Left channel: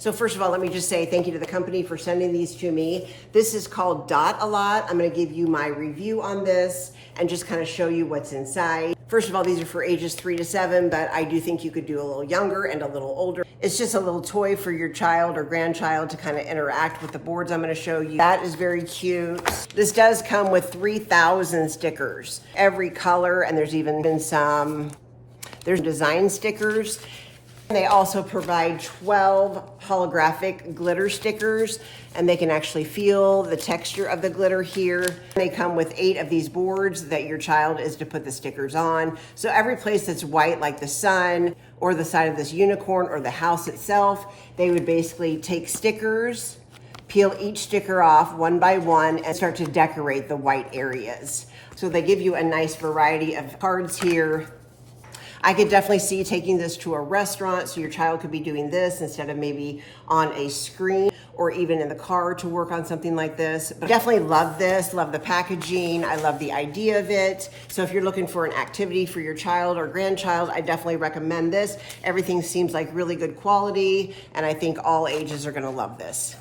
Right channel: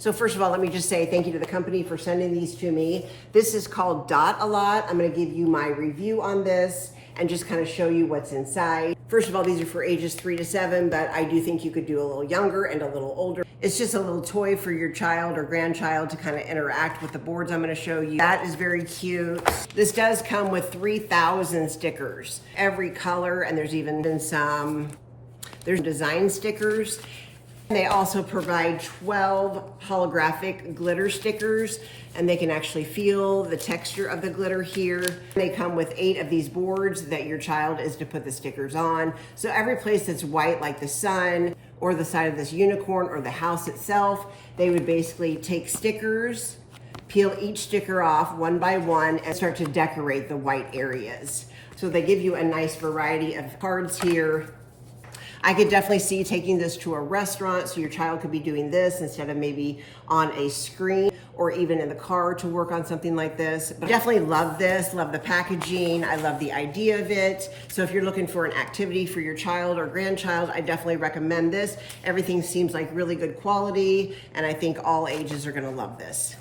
So first of all, let me just say thank you to the company for sending these to me. This is called Dot A Lot. I'm gonna give you my review on this and just kind of show you what's inside. First of all, these are for ages 3 to 7, but I do think you could do a little younger and a little older. It's just a little toy for your child or grandchild to kind of interact with the boards I'm gonna show you. That is very cute. This does come with 3,000 stickers, every color, and there's even been there's design stickers. They also provide 12 holographic glitter stickers, and they can actually feel the texture of the glitter here. They come with 8 of these boards that your child is to put the stickers on. So every place that's white, like the sun or the side of this unicorn or the house itself, they would basically take stickers, peel each sticker off one by one, and start to decorate the white areas. So they give you a nice variety of cards here. I could definitely see taking this to a restaurant, so your child could be doing this instead of maybe on a screen or even in the car to work on something like this. But definitely love this, love the packaging. I love the idea of it. So if you're looking for an activity for your child or grandchild, I definitely recommend this. Everything seems like really good quality, and I think all ages are gonna love this.